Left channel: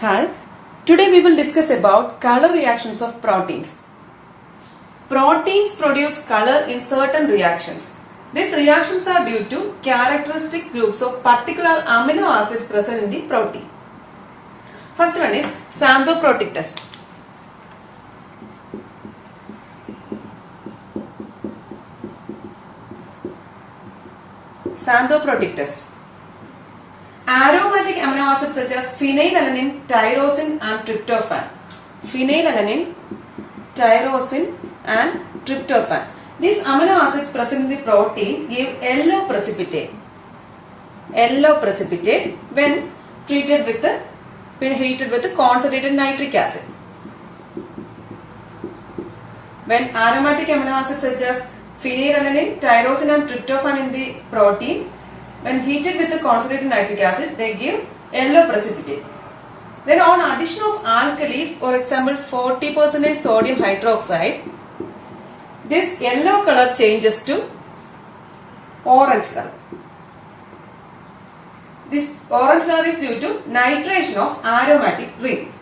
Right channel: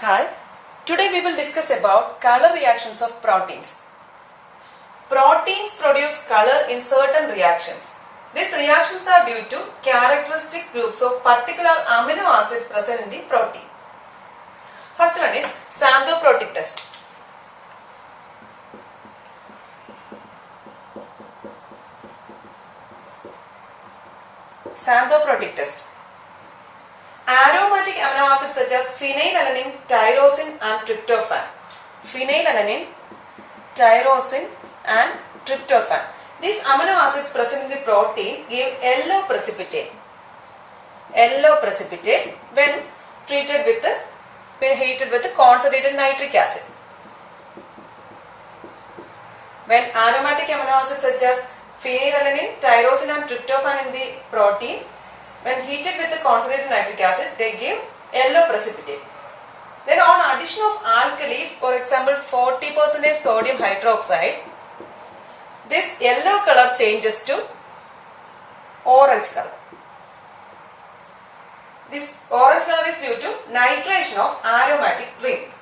Hi, today we will discuss about color reactions of proteins. Proteins produce color in certain reactions. These reactions are due to characteristic groups of particular amino acids present in the protein. First one is Xanthoproteic test. Xanthoproteic test. Aromatic amino acids such as phenylalanine, tyrosine and tryptophan. Phenylalanine, tyrosine and tryptophan. These amino acids present in the protein give yellow precipitate. Yellow precipitate when treated with heated with concentrated nitric acid. When aromatic amino acids such as phenylalanine, tyrosine and tryptophan in the protein, when heated with the concentrated nitric acid, they give yellow precipitate. Then on addition of alkalis, for example 40% sodium hydroxide, this yellow color changes to orange color. This orange color is due to nitration of aromatic ring.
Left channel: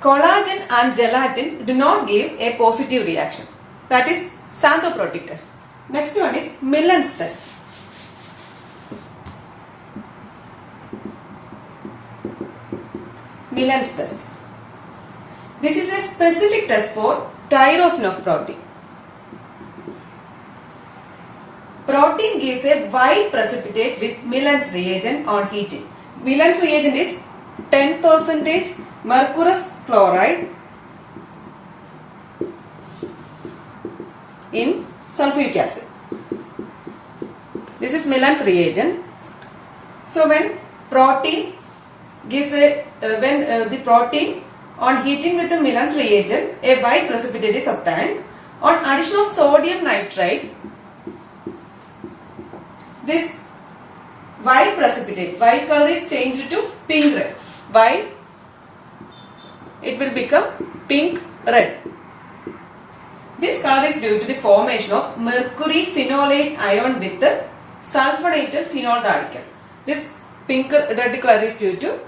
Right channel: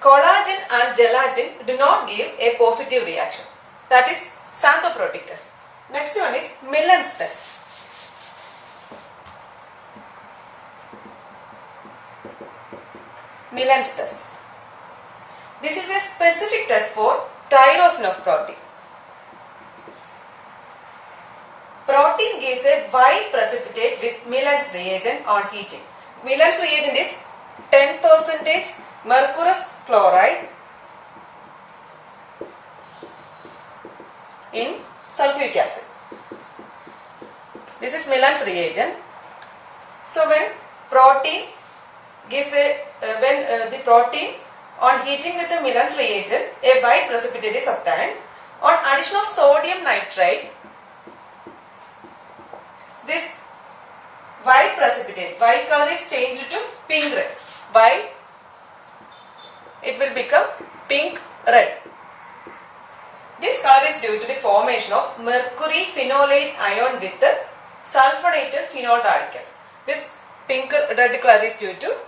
Collagen and gelatin do not give a positive reaction. That is Xanthoproteic test. Next one is Millon's test. Millon's test. This is a specific test for tyrosine of protein. Protein gives a white precipitate with Millon's reagent on heating. Millon's reagent is 10% mercurous chloride in sulfuric acid. This is Millon's reagent. So when protein gives the protein on heating with the Millon's reagent, a white precipitate is obtained. On addition of sodium nitrite, this white precipitate, white color is changed to pink red. While it will become pink red. This color is due to the formation of mercury phenolate ion with the sulfonated phenol radical. This pink red color is due to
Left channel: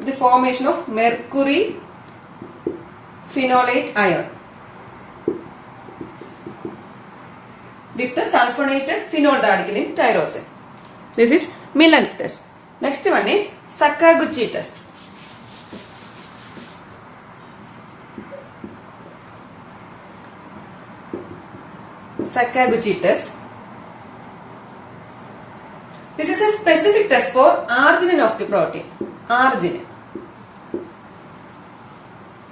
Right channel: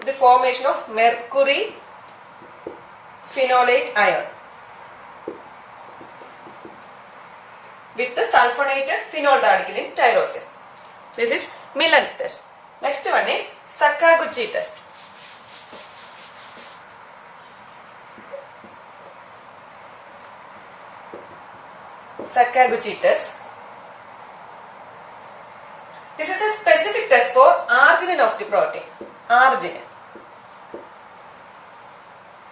the formation of mercury phenolate ion with the sulfonated phenol radical in tyrosine. This is Millon's test. Next one is Sakaguchi test. Sakaguchi test. This is a specific test for arginine of the protein. Arginine.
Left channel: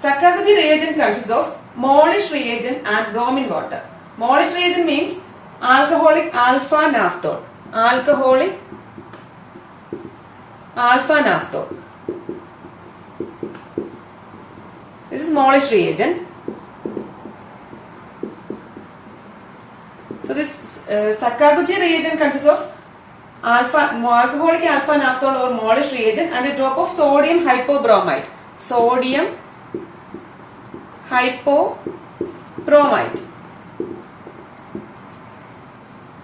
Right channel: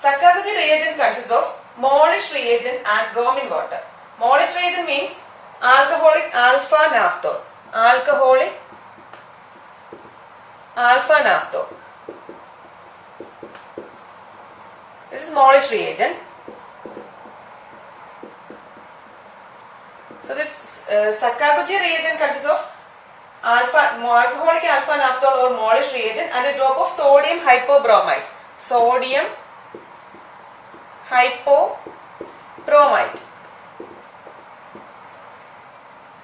Sakaguchi reagent consists of Molish reagent and bromine water. Molish reagent means alcoholic alpha naphthol. Alcoholic alpha naphthol. This is Molish reagent. So this Sakaguchi reagent consists of alcoholic alpha naphthol or Molish reagent and a drop of sodium hypobromide. Sodium hypobromide.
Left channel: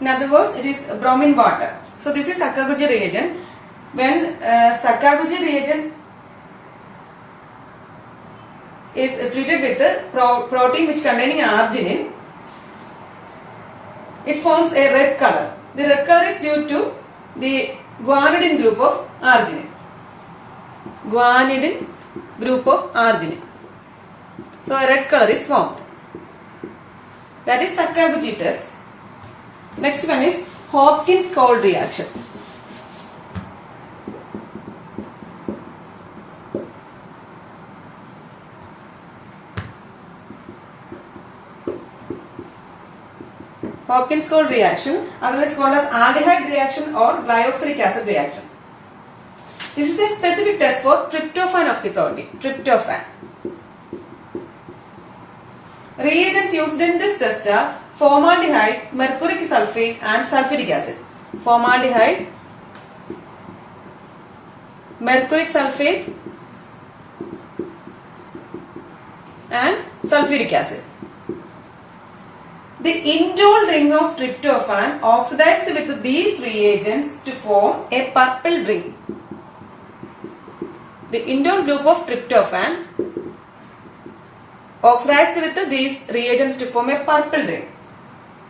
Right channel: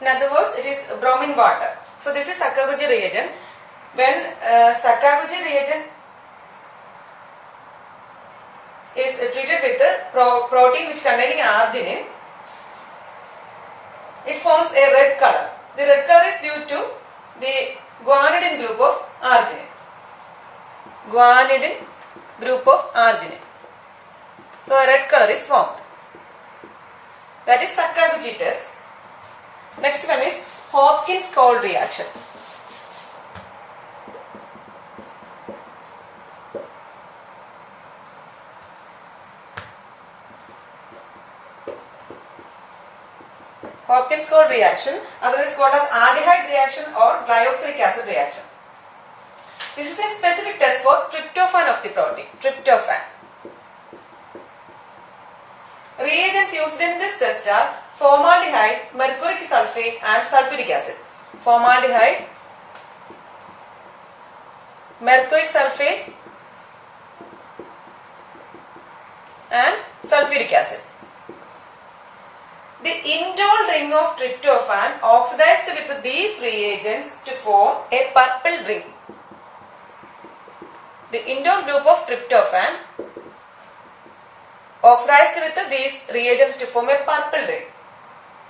In other words, it is bromine water. So this is Sakaguchi reagent. When Sakaguchi reagent is treated with the protein which containing arginine, it forms a red color. The red color is due to the guanidine group of arginine. Guanidine group of arginine. So a red color is formed. That is Sakaguchi test. Next one is Hopkins-Cole reaction. Hopkins-Cole reaction, otherwise called as aldehyde reaction or glyoxylic acid reaction. This is a specific test for tryptophan of the protein. Tryptophan. Reagents used in this test are formaldehyde, mercuric sulfate and sulfuric acid. Formaldehyde, mercuric sulfate and sulfuric acid. The indole ring of tryptophan oxidized with these reagents to form a purple ring. the indole group of tryptophan oxidized with these reagents to form a purple ring.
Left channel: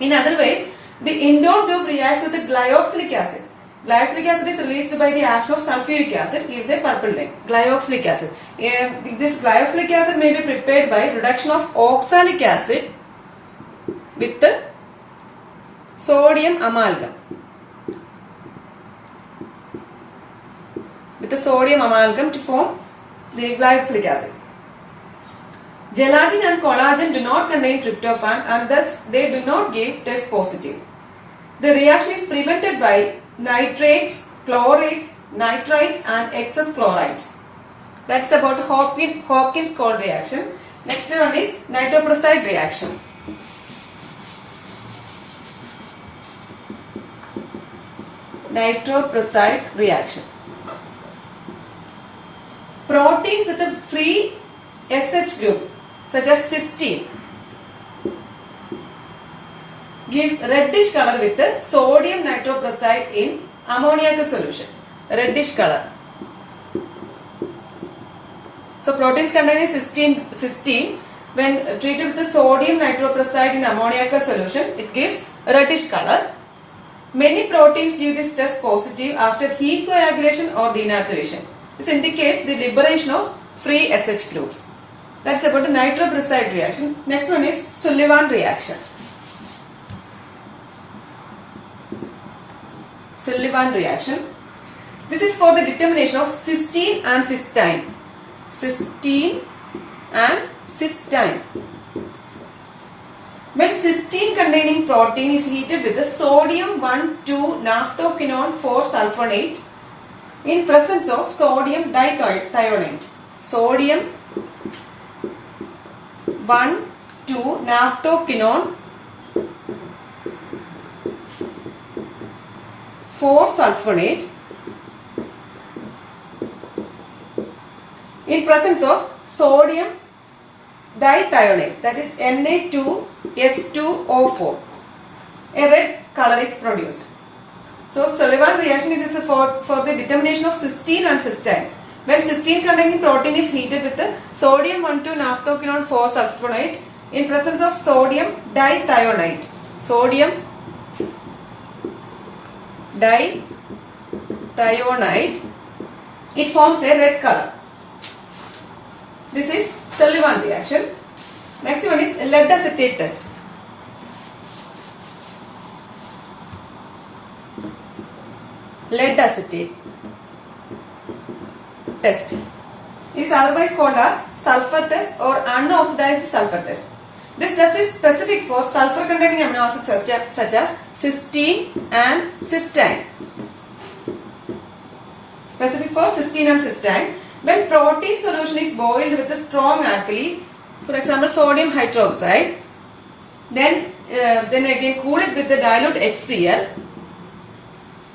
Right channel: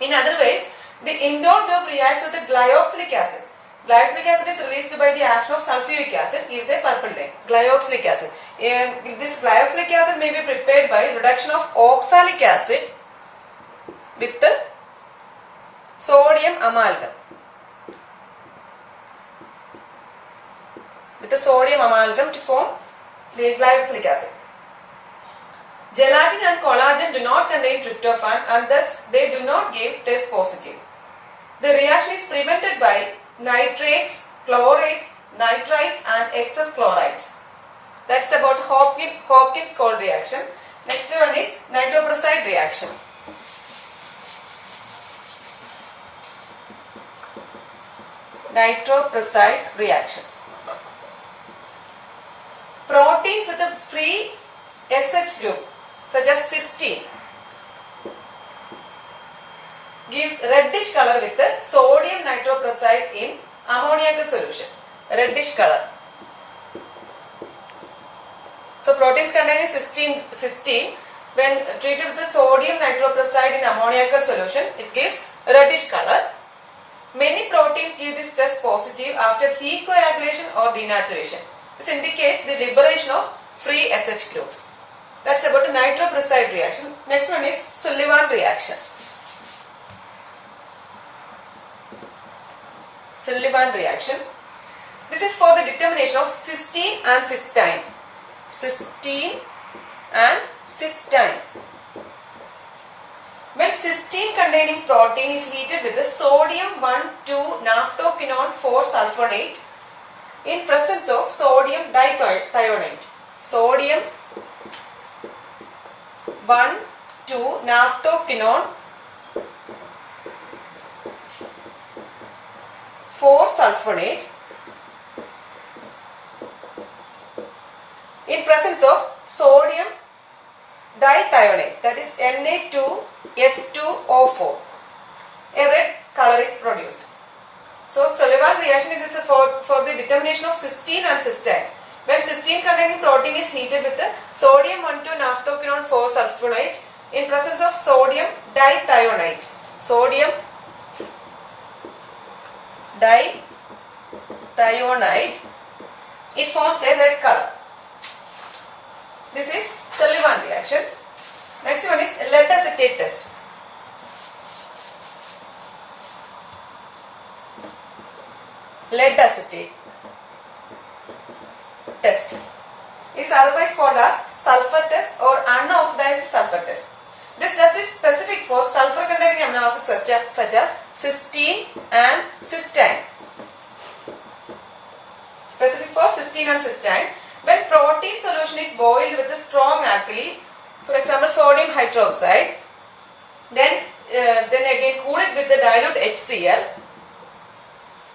In other ways, the indole group reacts with the glyoxylic acid. Glyoxylic acid is released by the action of sulfuric acid, gives a purple ring. Glyoxylic acid. This glyoxylic acid may be prepared by reduction of oxalic acid with the sodium amalgam. With the sodium amalgam to form the glyoxylic acid. Gelatin and collagen do not contain tryptophan and thus they do not give test positive. The reaction is prevented by nitrates, chlorates, nitrites and excess chlorides. That's about Hopkins-Cole reaction. Next one is Nitroprusside reaction. Nitroprusside reaction. Proteins with a free SH group such as cysteine gives reddish color with the sodium nitroprusside in ammoniacal solution. Reddish color. So proteins containing cysteine when treated with the sodium nitroprusside in ammoniacal solution, it gives reddish color. Many proteins give this test positive after heat coagulation or denaturation. This indicates the liberation of free SH groups. That's about the nitroprusside reaction. Next one is Sullivan reaction. Sullivan reaction. This is for the determination of cysteine and cysteine. Cysteine and cysteine. When cysteine containing protein is heated with the sodium 1,2-naphthoquinone 4-sulfonate in presence of sodium dithionate. Sodium 1,2-naphthoquinone 4-sulfonate in presence of sodium dithionate, that is Na2S2O4. A red color is produced. So Sullivan reaction is for the determination of cysteine and cysteine. When cysteine containing protein is heated with the sodium 1,2-naphthoquinone 4-sulfonate in presence of sodium dithionate. Sodium dithionite, it forms a red color. This is Sullivan reaction. Next one is lead acetate test. Lead acetate test. It is otherwise called as sulphur test or unoxidized sulphur test. This test is specific for sulphur containing amino acids such as cysteine and cysteine. Specific for cysteine and cysteine. When protein solution is boiled with a strong alkali, for example sodium hydroxide, then again cool it with the dilute HCl,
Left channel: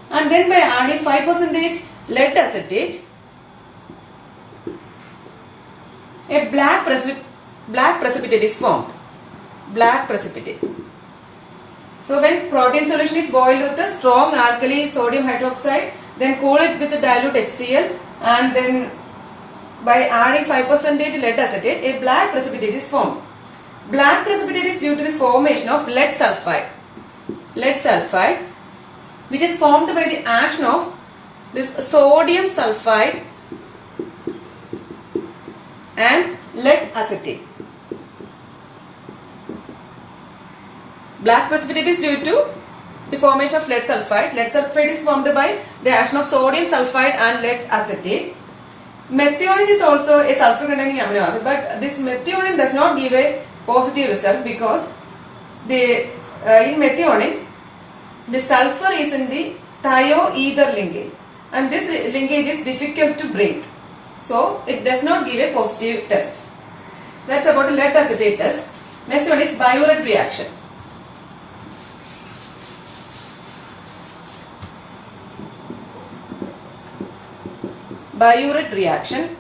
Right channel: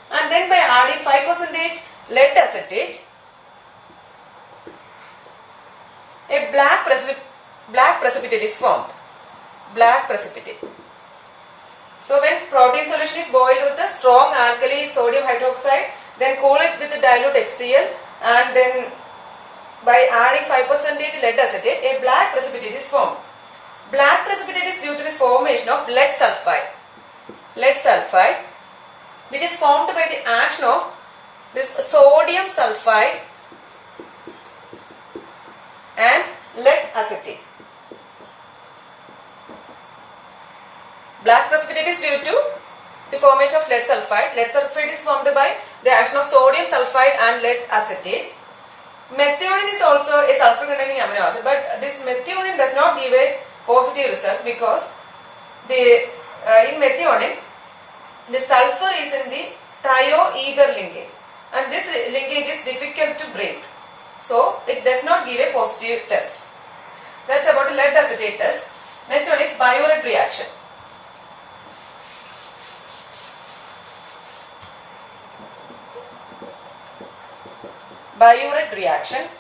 and then by adding 5% lead acetate, a black precipitate is formed. Black precipitate. So when protein solution is boiled with a strong alkali sodium hydroxide, then cool it with the dilute HCl, and then by adding 5% lead acetate, a black precipitate is formed. Black precipitate is due to the formation of lead sulphide. Lead sulphide, which is formed by the action of this sodium sulphide and lead acetate. Black precipitate is due to the formation of lead sulphide. Lead sulphide is formed by the action of sodium sulphide and lead acetate. Methionine is also a sulfur containing amino acid, but this methionine does not give a positive result because in methionine the sulfur is in the thioether linkage and this linkage is difficult to break. So it does not give a positive test. That's about the lead acetate test. Next one is Biuret reaction. Biuret reaction.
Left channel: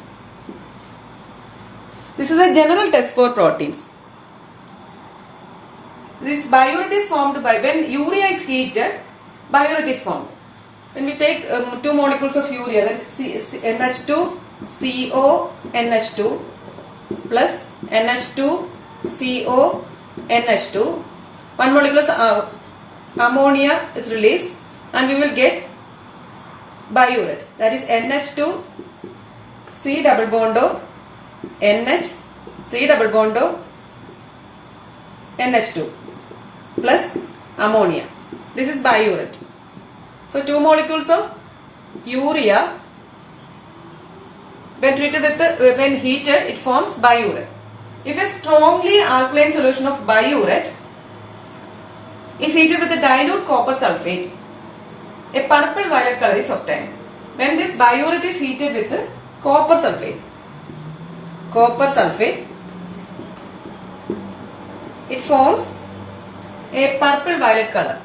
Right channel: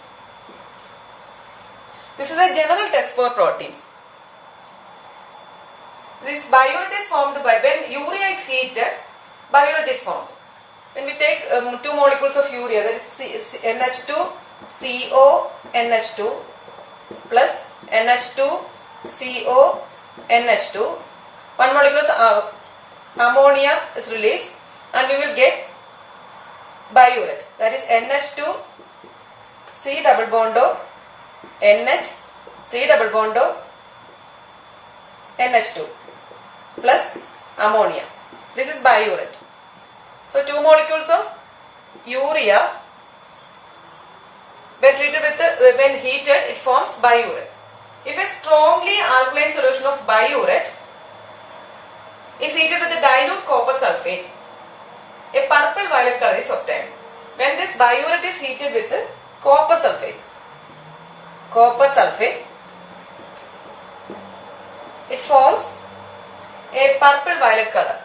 This is a general test for proteins. This biuret is formed by when urea is heated, biuret is formed. When we take 2 molecules of urea, that is NH2 CONH2 plus NH2 CONH2. One molecule of ammonia is released and we will get Biuret. That is NH2 C double bond O NH C double bond O NH2 plus ammonia. This is Biuret. So 2 molecules of urea, when treated with when heated, it forms Biuret. If a strongly alkaline solution of Biuret is heated with a dilute copper sulphate, a purple violet color is obtained. When this Biuret is heated with copper sulphate, it forms a purple violet color.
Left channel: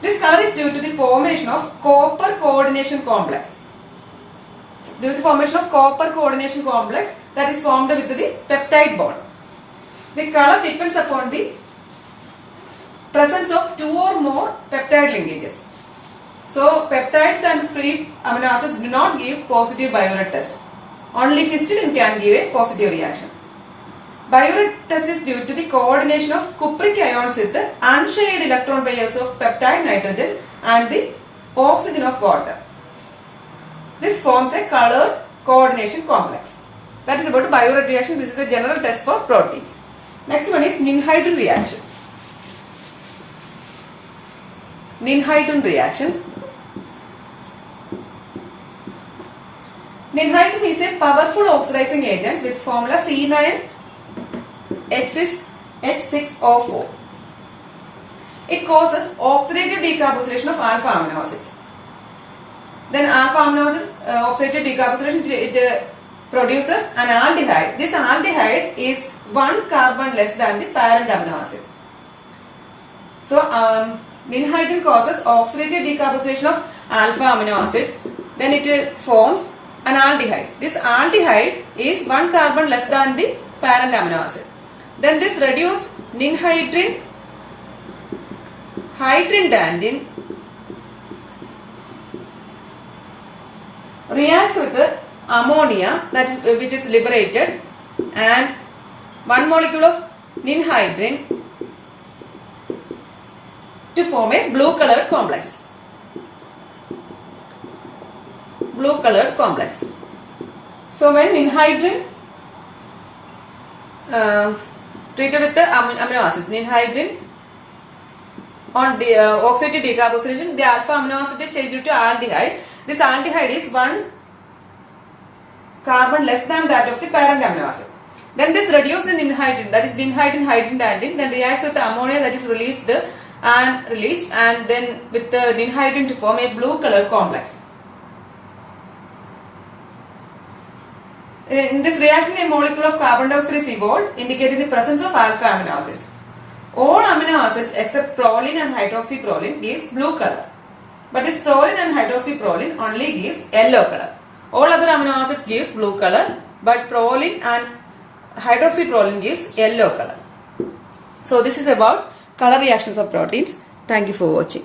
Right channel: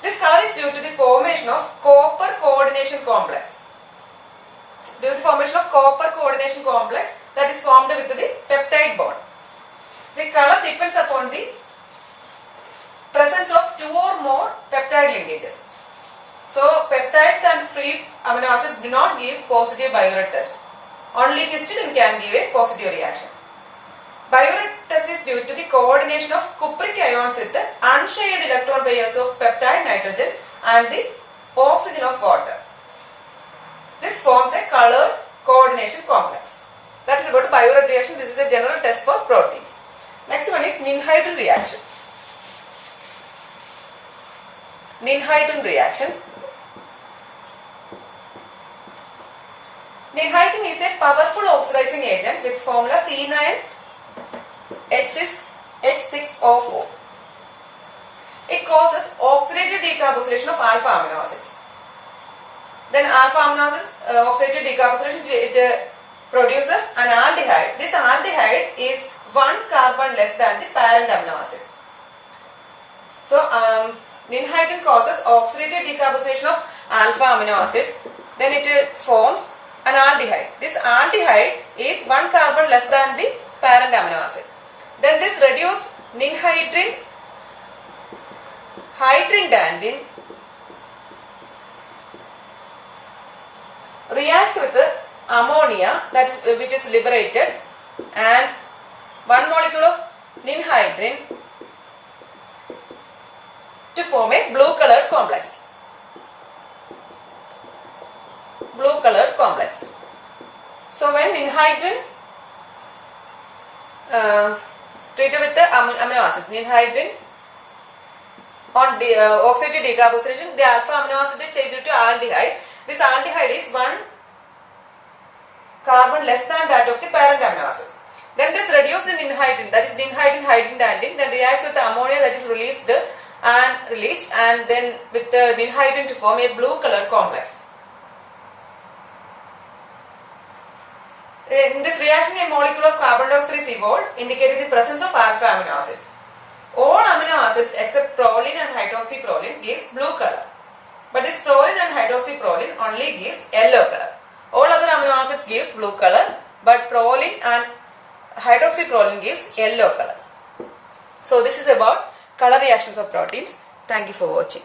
This color is due to the formation of copper coordination complex. Due to the formation of copper coordination complex that is formed with the peptide bond. The color depends upon the presence of 2 or more peptide linkages. So peptides and free amino acids do not give positive Biuret test. Only histidine can give a positive reaction. Biuret test is due to the coordination of cupric ions with the unshared electron pairs of peptide nitrogen and the oxygen of water. This forms a color coordination complex. That is about Biuret reaction. This is a general test for proteins. Next one is Ninhydrin reaction. Ninhydrin reaction. Ninhydrin is a powerful oxidizing agent with formula C9H6O4. It causes oxidative decarboxylation of alpha amino acids. Then alpha amino acids oxidative decarboxylation it produces an aldehyde. This aldehyde is 1 carbon less than the parent amino acid. So Ninhydrin causes oxidative decarboxylation of alpha amino acids. Then it forms an aldehyde. This aldehyde is 1 carbon less than the parent amino acid. Then this reduced ninhydrin hydrindandin reacts with the ammonia which is liberated and 1 molecule of ninhydrin to form a blue colored complex. So when ninhydrin treated with the amino acids, ninhydrin on the oxidative decarboxylation, the alpha amino acid is changed to aldehyde. This aldehyde is 1 carbon less than that of the parent amino acid. Then this reduced ninhydrin, that is ninhydrin hydrindandin, then reacts with the ammonia that is released and then with the ninhydrin to form a blue colored complex. In this reaction, a molecule of carbon dioxide is evolved, indicating the presence of alpha amino acids. All amino acids except proline and hydroxyproline gives blue color. But this proline and hydroxyproline only gives yellow color. All other amino acids gives blue color, but proline and hydroxyproline gives yellow color. So this is about color reactions of proteins. Thank you for watching.